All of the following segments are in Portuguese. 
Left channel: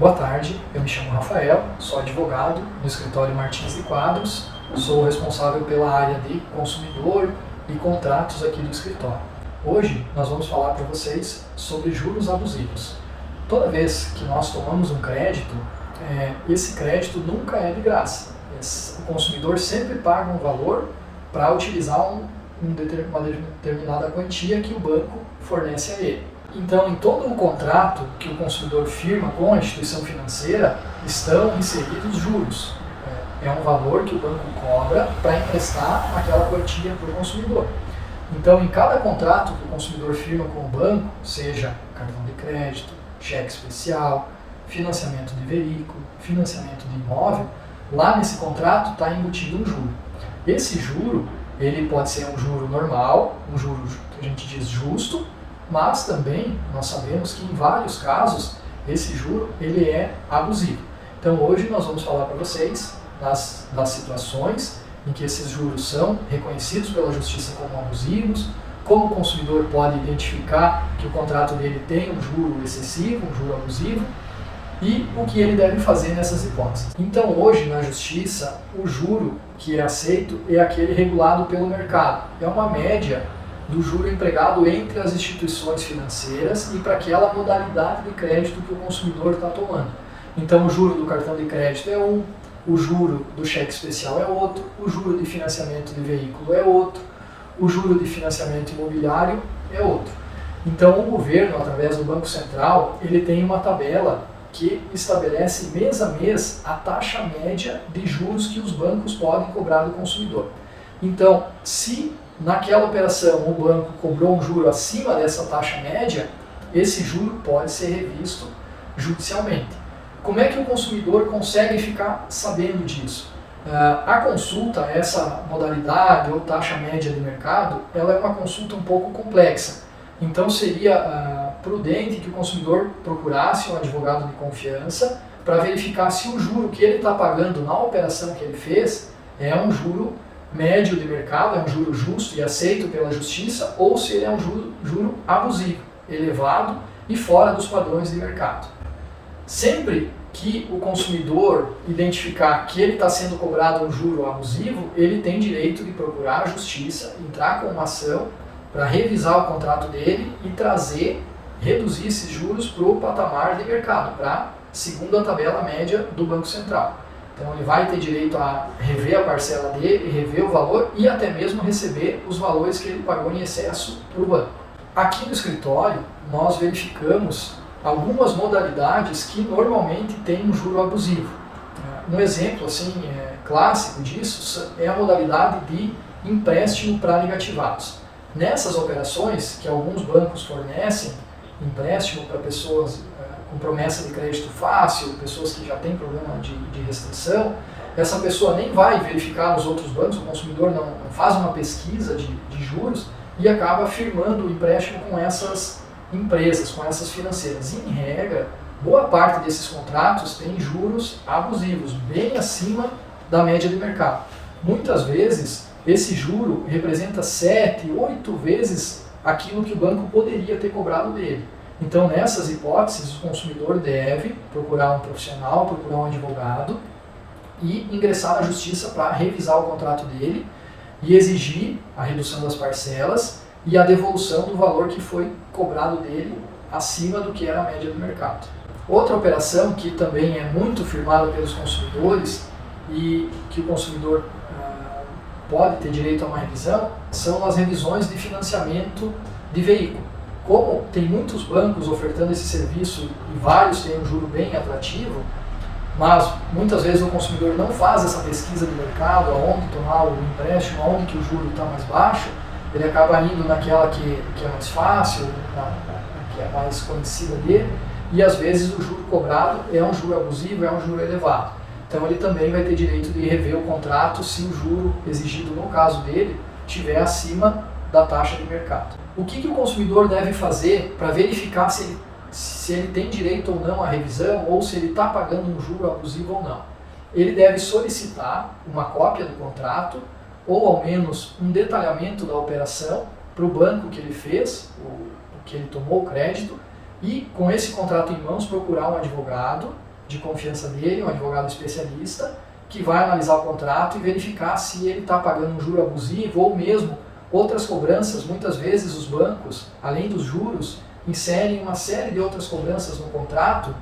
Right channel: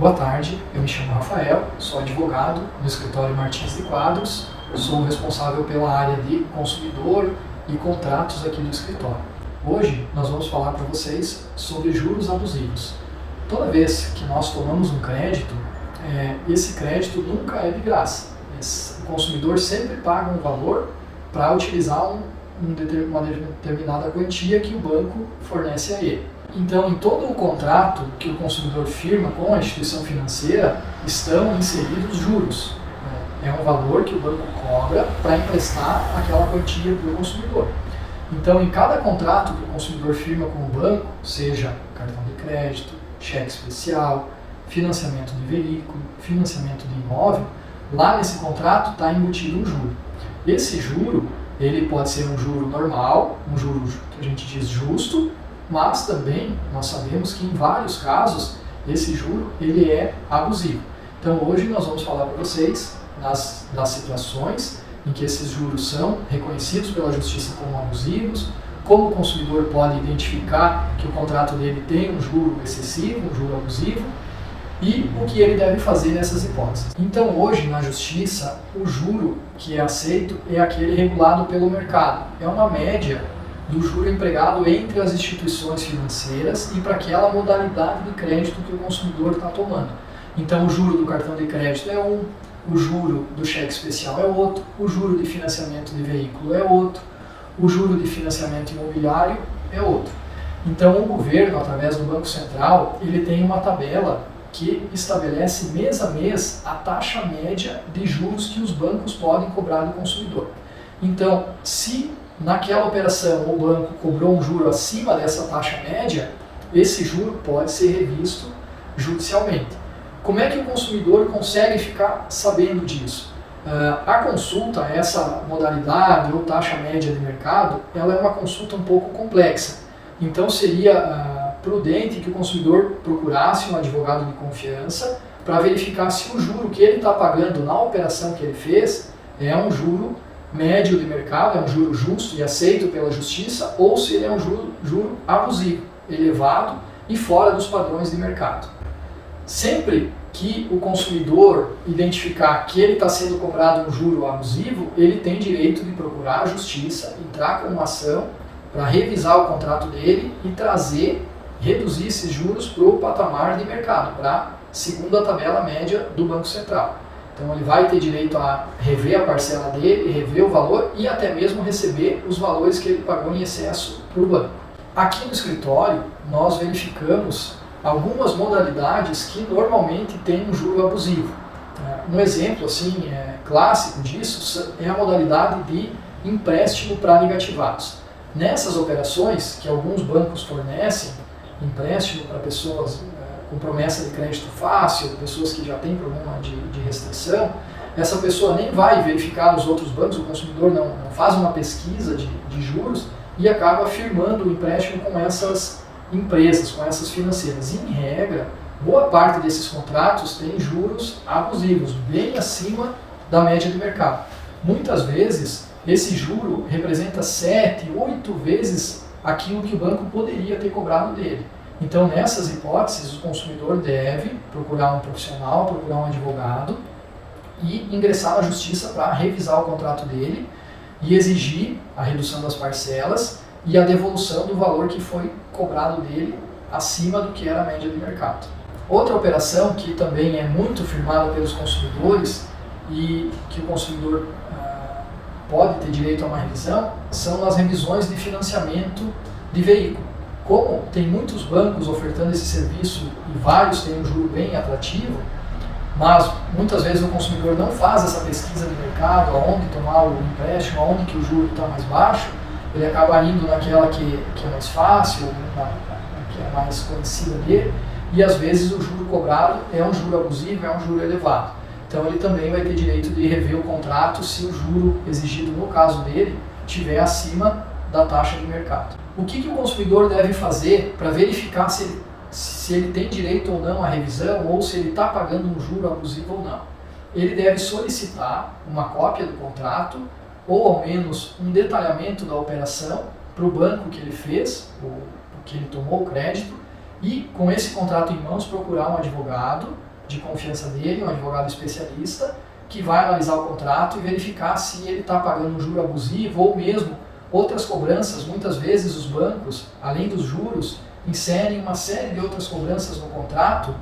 Boa tarde, eu me chamo Rafael, sou advogado no escritório Martins de Quadros, sou responsável pela área de consumidor e contratos aqui do escritório. Hoje nós vamos falar para vocês sobre juros abusivos. Toda vez que nós tomamos um crédito, esse crédito nunca é de graça. O consumidor sempre paga um valor para utilizar uma determinada quantia que o banco fornece a ele. Então, em todo o contrato que o consumidor firma com a instituição financeira, estão inseridos juros. É um valor que o banco cobra para emprestar aquela quantia para o consumidor. Então, em cada contrato que o consumidor firma com o banco, seja cartão de crédito, cheque especial, financiamento de veículo, financiamento de imóvel, lá nesse contrato está embutido um juro. Esse juro, ele pode ser um juro normal, um juro que a gente diz justo, mas também nós sabemos que em vários casos esse juro ele é abusivo. Então hoje nós vamos falar para vocês das situações em que esses juros são reconhecidos pela justiça como abusivos, como o consumidor pode identificar que o contrato dele tem um juro excessivo, um juro abusivo, e o que ele deve fazer nessas hipóteses. Então hoje na justiça o juro que é aceito é aquele regulado pelo mercado. É uma média do juro empregado entre as instituições financeiras e para aquela modalidade de crédito que o consumidor está tomando. Então o juro do cartão de crédito é um, o juro do cheque especial é outro, o juro de financiamento de veículo é outro, o juro de financiamento imobiliário é outro. Então o governo, através do Banco Central, ele tem uma tabela que estabelece mês a mês a taxa média de juros que os bancos podem cobrar do consumidor. Então, se naquela operação o banco cobrou um juro acima dessa taxa média, esse juro pode ser revisto judicialmente. Como é que o consumidor consegue ficar sabendo disso? A consulta, essa modalidade ou taxa média de mercado, ela é uma consulta um pouco complexa. Então seria prudente que o consumidor procurasse um advogado de confiança para verificar se o juro que ele está pagando na operação que ele fez é um juro médio de mercado, é um juro justo e aceito pela justiça, ou se ele é um juro abusivo, elevado e fora dos padrões de mercado. Sempre que o consumidor identificar que ele está sendo cobrado um juro abusivo, ele tem direito de procurar a justiça, entrar com uma ação para revisar o contrato dele e reduzir esses juros para o patamar de mercado, para segundo a tabela média do Banco Central. Então ele vai ter direito a rever a parcela dele, rever o valor e até mesmo receber os valores que ele pagou em excesso para o banco. Aqui no escritório nós verificamos algumas modalidades que normalmente têm um juro abusivo. Um exemplo clássico disso é a modalidade de empréstimo para negativados. Nessas operações que alguns bancos fornecem, empréstimo para pessoas com promessa de crédito fácil, pessoas que já têm problema de restrição, essa pessoa nem vai verificar nos outros bancos, o consumidor não faz uma pesquisa de juros e acaba firmando o empréstimo com essas empresas, com essas financeiras. E, em regra, boa parte desses contratos tem juros abusivos, bem acima da média do mercado. Muitas vezes, esse juro representa 7, 8 vezes aquilo que o banco poderia ter cobrado dele. Então, nessas hipóteses, o consumidor deve procurar um profissional, procurar um advogado e ingressar na justiça para revisar o contrato dele e exigir a redução das parcelas e a devolução do valor que foi cobrado dele acima do que era a média do mercado. Outra operação que também é muito firmada pelos consumidores e que o consumidor pode ter direito a uma revisão são as revisões de financiamento de veículo. Como tem muitos bancos ofertando esse serviço e vários têm um juro bem atrativo, mas muitas vezes o consumidor não faz essa pesquisa de mercado, aonde tomar o empréstimo, aonde que o juro está mais baixo, ele acaba indo naquela que é mais fácil, que é mais conhecida dele, e às vezes o juro cobrado é um juro abusivo, é um juro elevado. Então ele também vai ter direito de rever o contrato se o juro exigido no caso dele estiver acima da taxa de mercado. O que o consumidor deve fazer para verificar se ele tem direito ou não à revisão ou se ele está pagando um juro abusivo ou não? Ele deve solicitar uma cópia do contrato ou ao menos um detalhamento da operação para o banco que ele fez, o que ele tomou o crédito, e com esse contrato em mãos procurar um advogado de confiança dele, um advogado especialista, que vai analisar o contrato e verificar se ele está pagando um juro abusivo ou mesmo outras cobranças. Muitas vezes os bancos, além dos juros, inserem uma série de outras cobranças no contrato,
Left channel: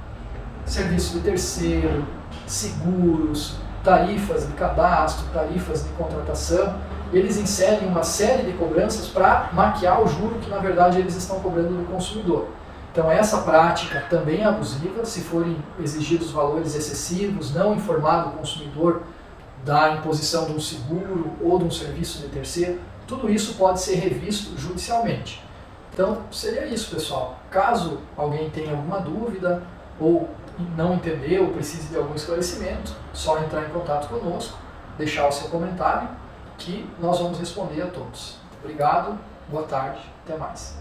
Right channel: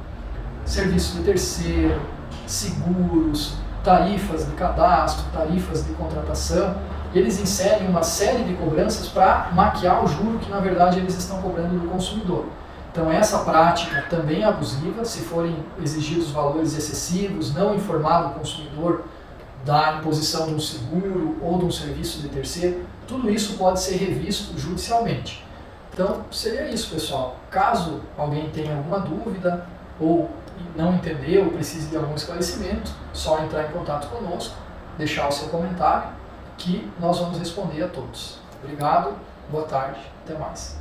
serviço de terceiro, seguros, tarifas de cadastro, tarifas de contratação. Eles inserem uma série de cobranças para maquiar o juro que na verdade eles estão cobrando do consumidor. Então essa prática também é abusiva, se forem exigidos valores excessivos, não informar o consumidor da imposição de um seguro ou de um serviço de terceiro, tudo isso pode ser revisto judicialmente. Então seria isso, pessoal. Caso alguém tenha alguma dúvida ou não entendeu ou precise de algum esclarecimento, só entrar em contato conosco, deixar o seu comentário que nós vamos responder a todos. Obrigado, boa tarde, até mais.